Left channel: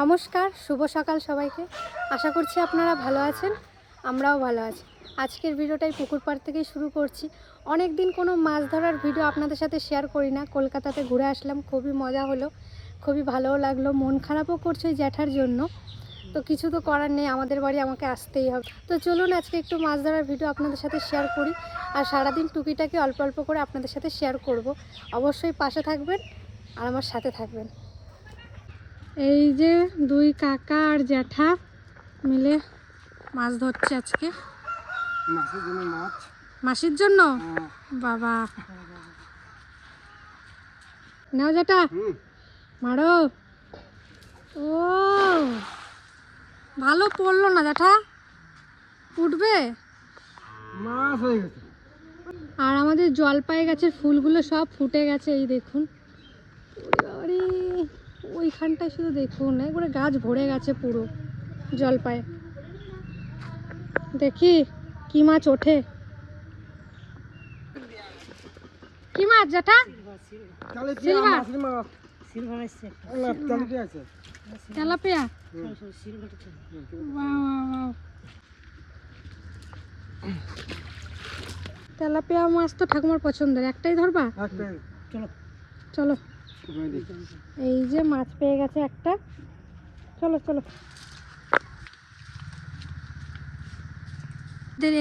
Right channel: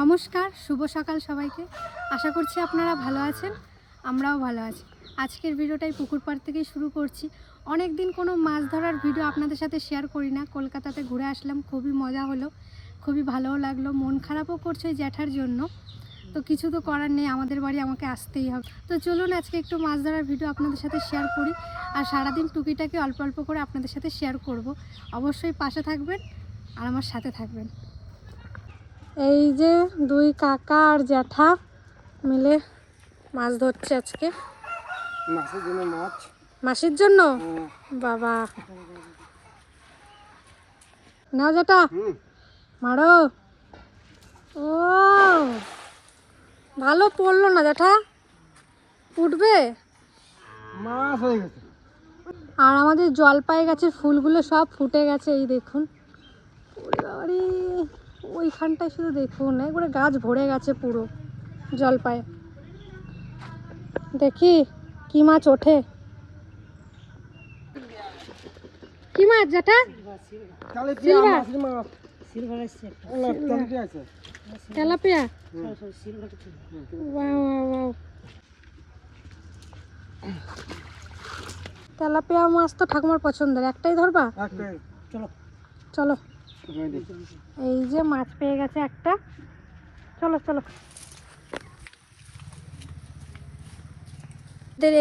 নমস্কার, শুভ সকাল সবাইকে। আশা করছি আপনারা ভালো আছেন, আমরাও ভালো আছি। আজকের ভিডিওটাই পুকুর পাড় থেকেই শুরু করছি। অনেক দিন কোনো মাছ ধরার ভিডিও আপনাদের সাথে শেয়ার করি না। কলকাতাতে ঘুরে আসলাম, খুবই মজা হলো, খুবই ভালোও লাগলো। মন খারাপও করছে জ্যাঠার জন্য, তো কিছু তো করার নেই, আমাদের বাড়ি আমাকে আসতেই হবে। তো চলুন আজকে একটু মাছ ধরার ভিডিও আপনাদের সাথে শেয়ার করি। আর সারাদিন টুকিটাকি অল্প অল্প করে আপনাদের সাথে শেয়ার করব। অবশ্যই পাশে থাকবেন আর আমার সাথে থাকবেন। এই যে দুই কাকা আর জ্যাঠা মিলে মাছ ধরছে আজকে। মাছের জন্য মাছ। মাসির জন্য? বাবা, নাও জ্যাঠা, মারো। ও ভালো পড়লো না জ্যাঠা, উঠবে। মাছ হয়ে গেছে। আর আমাদের জলপাই গাছের ফুলগুলো সব ফুটে গেছে, এই দেখুন। আরে ওইখানটায় শুধু দেখুন, একবারে গাছ ভরে গেছে পুরো জলপাই। দেখি কি মাছ ওঠে। কি মাছ জ্যাঠা? তেলাপিয়া। তেলাপিয়া মাছ তো ঠাকুমার পছন্দের। একটাই ধরবা? চলো চলো। এই যে মাছ পেয়ে গেছে একটা, চলো চলো।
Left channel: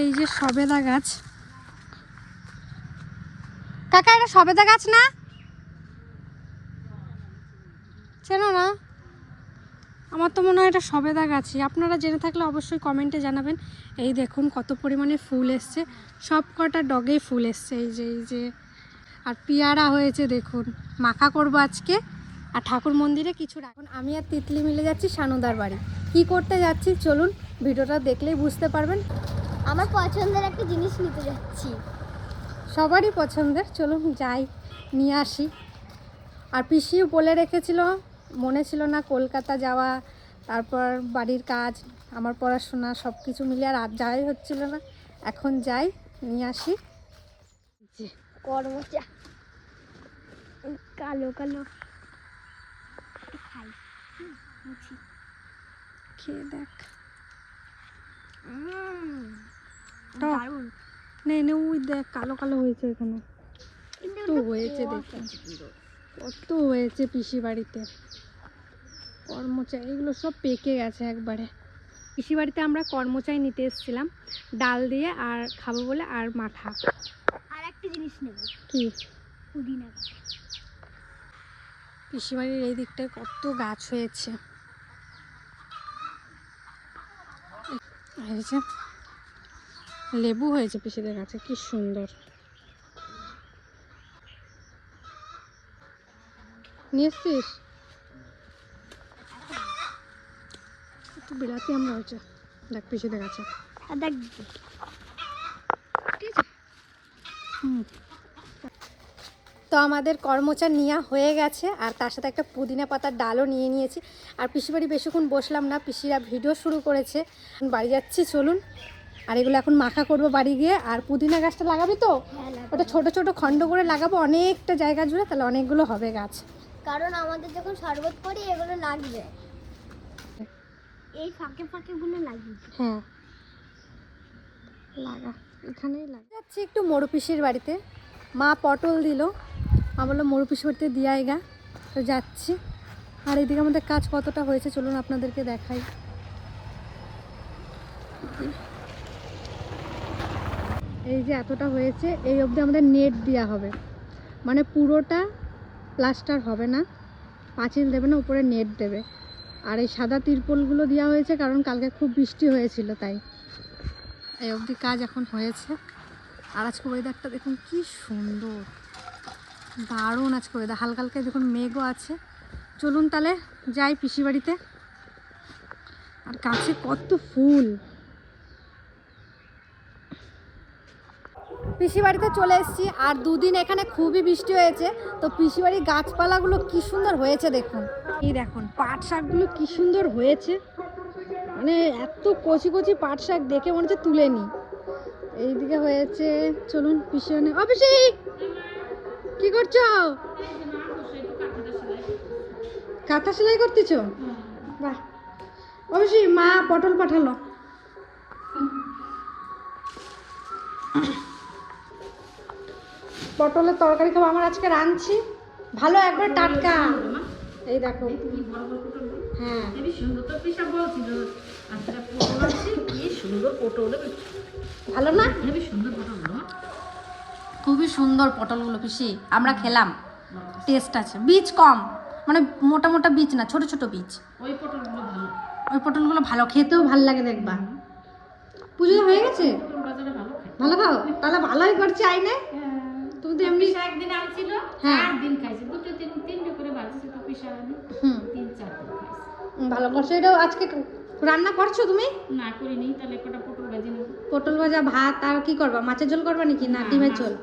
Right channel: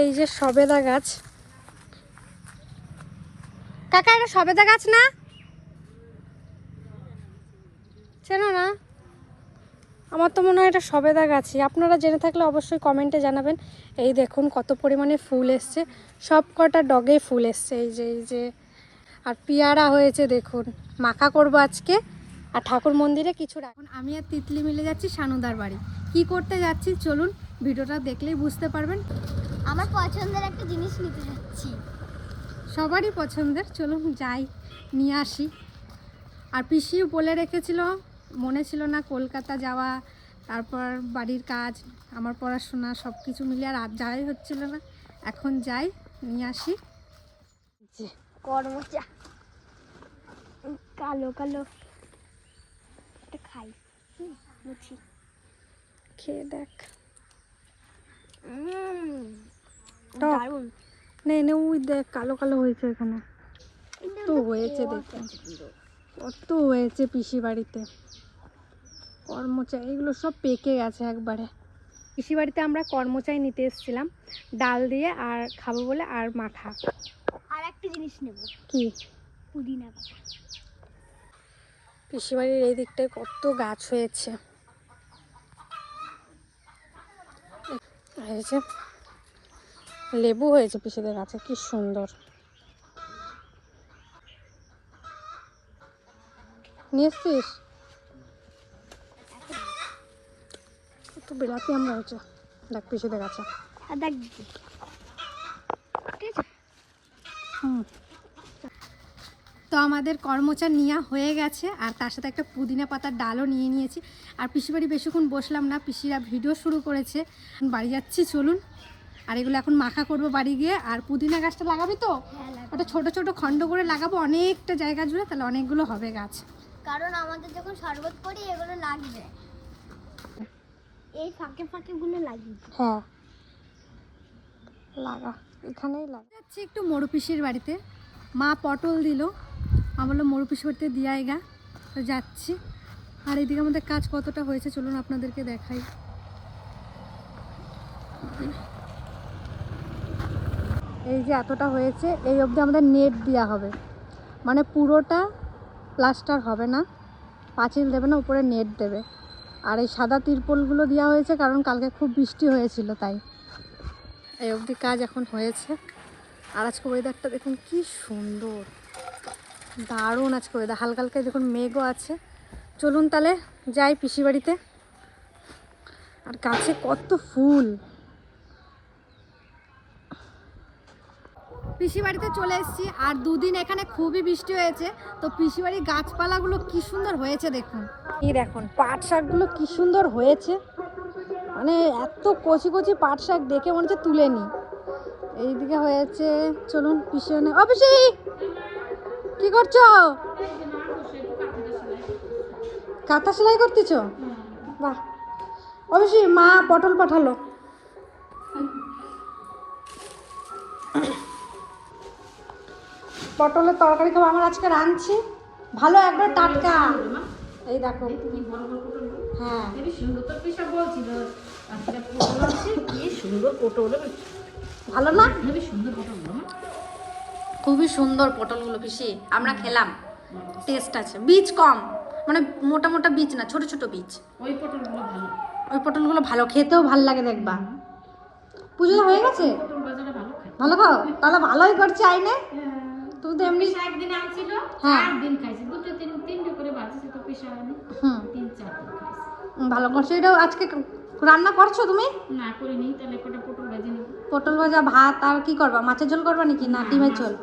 এই যে সবেদা গাছ। কাকা, এটা সবেদা গাছ না? চেনো না? আমার তো মনে হয় এটা সবেদা গাছই। আপনারা জেনে থাকলে অবশ্যই কমেন্টে জানাবেন। এই দেখুন কত পরিমাণে ফুল এসছে, সব কটা ডগে ফুল এসছে। এই যে আর পেয়ারা হয়েছে দেখুন। মাখা করব আজকে। আর ঠাকুর মন্দিরে কিছু রাখুন। আমি আর তিতলি মিলে যাচ্ছি সানুদার বাড়ি। কি করতে যাচ্ছি চলুন, ভিডিওটা দেখলেই বুঝতে পারবেন। আমার পছন্দের একটা জিনিস নিতে যাচ্ছি। সবারই পছন্দের, চলুন যাই, নিয়ে আসি। আর পিসিও বলে রেখেছিল, মনে ছিল না কলকাতা যাওয়া, তারপর বাড়ির কাজ, আমার পড়াশোনা সব কিছু মিলিয়ে আর যাওয়াই হচ্ছিল না। এখন যাই, নিয়ে আসি। করমচা কালো কালো খাই, মুছি খেয়ে দেখ। দারুণ। নে নে, ওই দেখ কালো কালো হয়েছে এখানে। কত হয়েছে দেখুন, কত হয়েছে পিসি বাড়িতে কর্মচাই। এগুলো সব পেকে গেছে একবারে। পিসি বাড়িতে আমরা কর্মচাই নিতে এসেছিলাম, ডাল দিয়ে আর খাবো বলে, আর মাখা। আর একটা জিনিস নেব। কি? পুদিনা পাতা। পিসি বাড়ির এই দিকটায় কত গাছ হয়েছে। এই যে লেবু হয়েছে পিসিদের গাছে, কি সুন্দর। নিয়ে এসছিস? একটু বিলাতি আমরা হয়েছে, দেখ পিসিদের গাছে। আর দেখ, তো আমাদের কর্মচার নেওয়া হয়ে গেছে, আর তার সাথে একটা পুদিনা পাতার ডালও নিয়ে নিয়েছি। আর পিসি বাড়ি বেশিক্ষণ বসলাম না, পিসিরা ভিডিও শুরু করেছে। বাড়ি যাচ্ছি চলুন। আর এগুলো এখন মাখা করব বাড়ি গিয়ে। আর পুদিনা গাছটা লাগাবি তো? ওটা ছোট ছোট খণ্ড করে লাগাবো অনেকটা জায়গা জুড়ে, তাহলে অনেকগুলো হবে গাছ। কারণ আমাদের যখন শরবত করি এগুলো লাগবে, এই ফাঁকে ফাঁকে গুলো লাগবে। হ্যাঁ লাগা, এখানেই লাগা। যাচ্ছি একটু মরু পিসির বাড়িতে। মা পটল দিল, মা বললো মরু পিসির বাড়িতে দিয়াই গা, তো যাচ্ছি। আর এইদিকে আমাদের কাজ কতটা হয়েছে চলুন আপনাদেরকে দেখাই। এই যে এতটা হয়েছে, এই অবধি আমাদের নেট দেওয়া হবে, মানে পুরোটা প্লাস্টার হবে না, পাঁচিল দেবে না, উপরে নেট দেবে। আর এই সাদা তিরপলগুলো দেওয়া হয়েছে কারণ কালকে খুব বৃষ্টি হয়েছিল, তাই এই অবধি কাজ এখন হয়েছে। আর আজকে ওয়েদারটা দেখুন কি সুন্দর, দারুণ আজকে ওয়েদার। হালকা হালকা দেখুন মেঘও আছে। চলুন তাহলে যাই পিসি বাড়িতে। আর গাছে কত ফুল। পিসি বাড়িতে চলে এসেছি, আর দুদিন এখানে খুবই বৃষ্টি হয়েছে, তো পিসি বাড়ির গাছপালাগুলো কি সুন্দর হয়েছে দেখুন। এই দেখুন পাট শাকগুলো কি সুন্দর হয়েছে, মানে এত কচি কচি পাট শাক দেখে মনে হচ্ছে তুলে নি। এইদিকে হয়েছে, চলুন পিছনে। ও পিসি, কি করছো? কাঁথা সেলাই করতেছো? বাহ, অবশ্যই মা পটল পাঠালো। পটলের তরকারি খাবো, আমার আজকে রাঁধছি ভালো একবার টাটকা। এই দেখো কি বড় বড় পটল, হ্যাঁ হেবি সুন্দর। তো পিসা বলছিল আজকে পটল আছে, কি সুন্দর পটল, ভালো না? হেবি সুন্দর পটল না? খুবই সুন্দর পটলগুলো পিসি, আমরা খেলাম, টেস্ট আছে, বীজ কম, মানে মোটা মোটা বীজ না, ছোট ছোট বীজ। ওই পটলগুলো ভালো, ওই পটলগুলো ভালো, খেতেও ভালো লাগে দেখবা। পুজো হয়ে গেছে, পটল বাজারে ভালো খায়। ভালো খাও, তাহলে ভালোই করছে আইনে। তুমি তো এমনি পিসা একদিন আনছিল, হ্যাঁ। 4 দিন খাইছে, দুটো তিনটে করে ভাজছে তো পিসা আনি, 3-4 দিন খাইছে। ভালো করছে। এটাও আজকে রান্না করছো তুমি? না করিনি, তাহলে কটা পটল ভাজি নিব। পটল ভাজা, ভাত, আর কি করবা? মাছের ঝোল করবা নাকি না ডিমের ঝোল?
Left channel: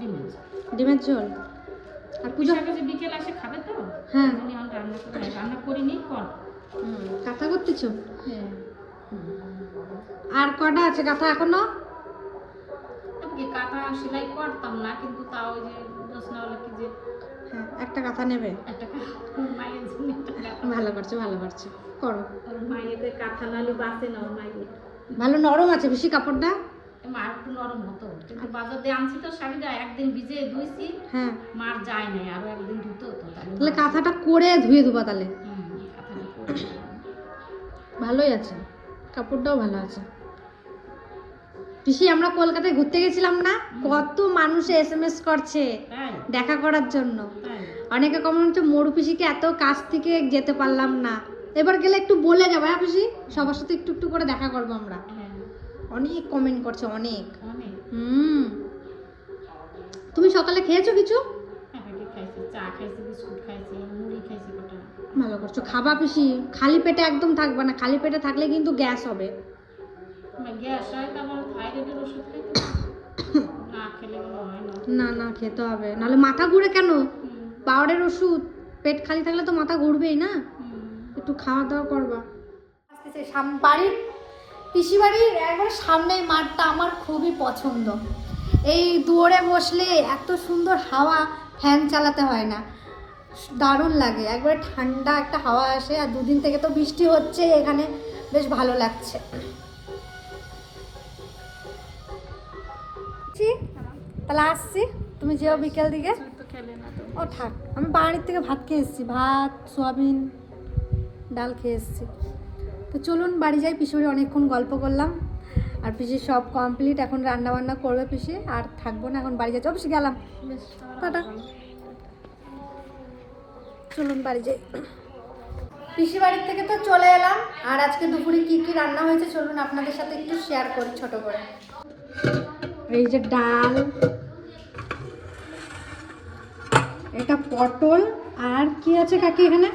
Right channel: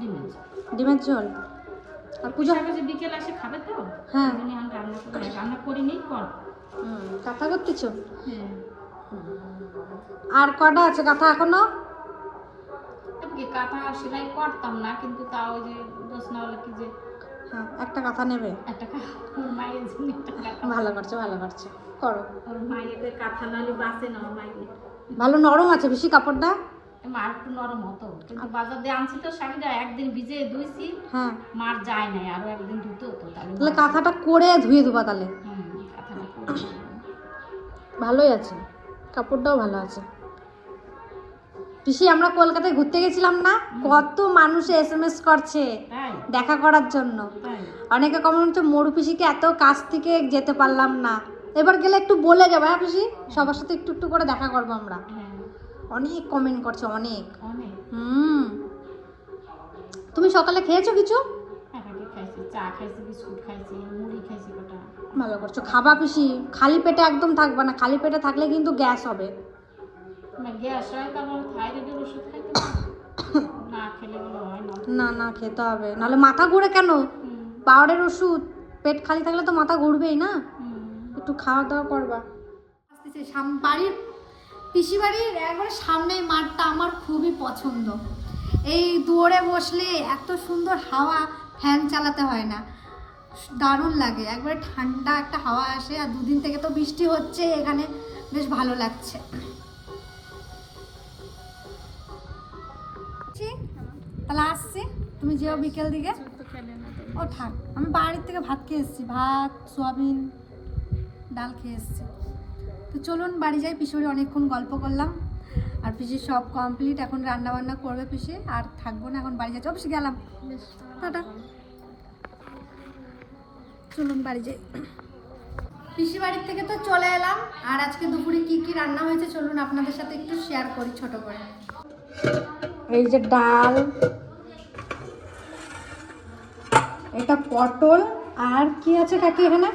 ডিমের ঝোল। ডিমের ঝোল। আর পুজো পিসা কাছে বিকেল আসে খাবে তো, হ্যাঁ। ওই জন্য আমি রান্না করিনি, কর। কাঁথা করতেছো? হ্যাঁ, আর কটা আছে কাঁথা এখনো? এদিকে কাঁথা সেলাই করতাম না, কিন্তু তাও ওই যে দোসনাওয়ালা কি যে হ্যাঁ, একটা কাঁথা নেবে। একটা মায়ের জন্য একটা কাঁথা, ভালো করছে, ভালো করছে, করো। ওর মায়েদের কাঁথা নাহলে বাঁচে না, ওর মায়ের ভালো নরম আছে বেশি কাপড়টা। মার একটু নরম হতো, কিন্তু বাজার দিয়ে আনছি তো শাড়িটা, একদিন ভিজে ধুইছি, হ্যাঁ, মার যায় নাই, আরো একদিন ধুতে হতো, তাহলে কাঁথাটা করে ধুয়ে দেবা তাহলে। কাঁথাটা করে ভালোই আছে, কাপড়টাও ভালো আছে। পিসি আমরা কলকাতায় ঘুরতে গেছিলাম না, কত মানুষ SMS করছে তাই দেখা করার জন্য। তাই অনেকে কমেন্ট হচ্ছে মরু পিসিকে এত কাছ থেকে যেতে পারলাম না, এবার গেলে একটু বলে যাবো। হ্যাঁ পিসি, সবার সাথে একটু একটু করে দেখা করবো আমরা। হ্যাঁ, অনেক কমেন্ট করছে, অনেক। অনেক তুমি সকালে খেয়েছো কিছু? একাকে খাইছি, চা খাইছি, বিস্কুট খাইছি, মুড়ি খাইছি কটা। ভালো করছো, খাবা পিসি, খালি পেটে একদম থাকবা না, খালি পেটে থাকলে কিন্তু গ্যাস হবে। গ্যাস হয়, তারপর থাইরয়েডের ওষুধ খাইতে হবে। না খেলে এগুলো হয় না। না না, খেতে হবে, নাহলে মাথা ঘুরে কেন? পাওয়ারের ওষুধ, পেট খালি থাকলে তো মাথা ঘুরবেই না, একটু খাওয়া দাওয়া করবা। বাড়ির পিসি বাড়ির একবার সামনেই মাঠটা আমার খুবই পছন্দ। এই দুয়ারে বসলে এত সুন্দর হাওয়া, ফ্যান চালাতে হয় না, দারুণ লাগে, একবারে ঠান্ডা একটা হাওয়া আসে। আর দুদিন থেকে তো বৃষ্টি হচ্ছে এখানে, বেশ ভালো লাগছে। তাহলে আসছি, তুমি যেও বিকেল দিকে। ও থাক, আমি বাড়ির থেকে ভাত খেয়ে এসেছি, ভাত, সোয়াবিন, ডাল খেয়ে এসেছি। তো চলুন বাড়ি যাই, পিসি বাড়ি অনেকক্ষণ গল্প করলাম, আর পিসি সব কমপ্লিট, এখন রান্না বান্না করবে পিসি, আর থাকবো না, এখন বাড়ি যাচ্ছি। অবশ্যই গেলাম, টাটা। চলুন বাড়ি যাই। পিসি বাড়ির থেকে তো চলে এলাম, আর আজকে দুপুরে কি কি রান্না হয়েছে চলুন আপনাদের সাথে একটু শেয়ার করি ছোট করে। এই যে ডাল, এটা পটল, আর কি আছে কাকি এখানে?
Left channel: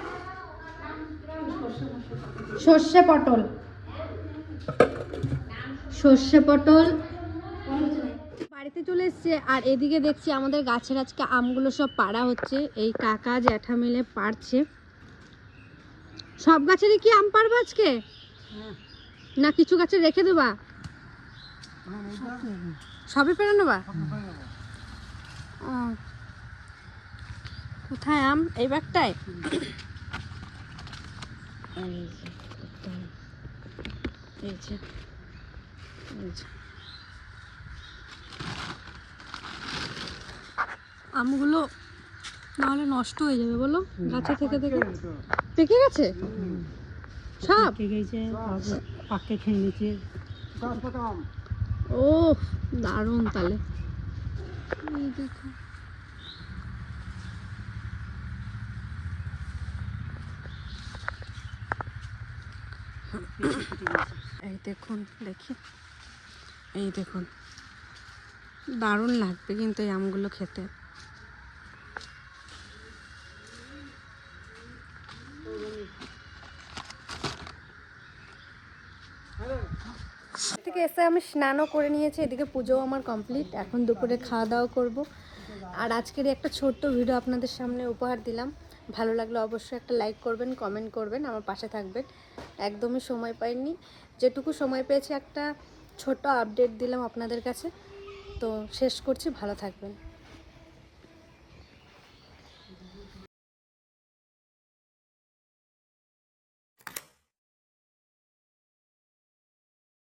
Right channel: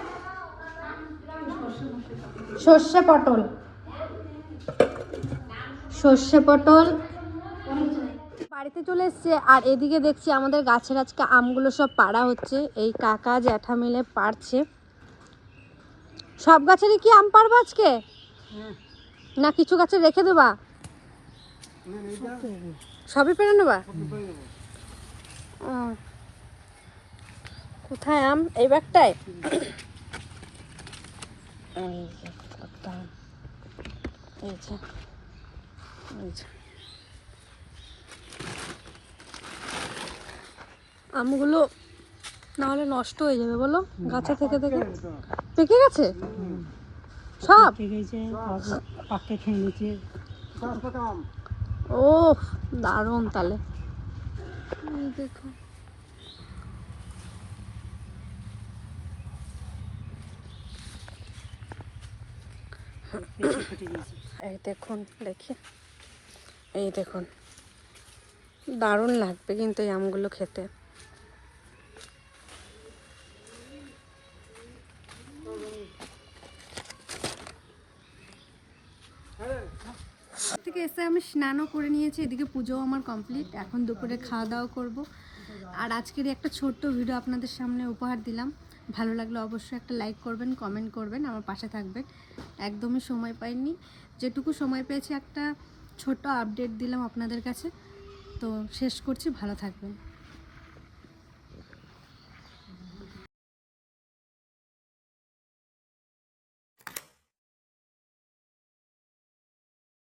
সর্ষে পটল, সর্ষে পটল। বাড়িতে চলে এসছে, আর এদিকে দেখছি আমাদের গাছের আজকে আমগুলো সব পাড়া হচ্ছে, এই কাকা জ্যাঠা মিলে পাড়ছে। সব গাছেরই কি আম পাড়বা আজকে, না কিছু গাছে রেখে দেবা? সবই পেরে নেবা? ও, কোথায় আম? এই ব্যাগটায়? এই যে আমগুলো নাহলে নষ্ট হয়ে যাবে, বলো গাছে থেকে থেকে। পেকে গেছে সব? পাকে খেয়ে নিচ্ছে। ও দারুণ, তাহলে দেখো এই দেখুন, দেখি এই দেখুন, দারুণ লাগবে কিন্তু এই আমগুলো খেতে। থেকে এসে আমি স্নানও করে নিয়েছি, এদিকে পুজোও আমার কমপ্লিট, এখন দুপুরে খাওয়া দাওয়া করব। আর আজকের একটা ছোট্ট ভিডিও আপনাদের সামনে উপহার দিলাম, ভালো লাগলে অবশ্যই একটা লাইক করবেন, কমেন্ট করবেন, আমার পাশে থাকবেন। একদমই সময় পাইনি, যেটুকু সময় পেয়েছি একটা ছোট্ট আপডেট দিলাম আপনাদের কাছে। তো শেষ করছি, ভালো থাকবেন।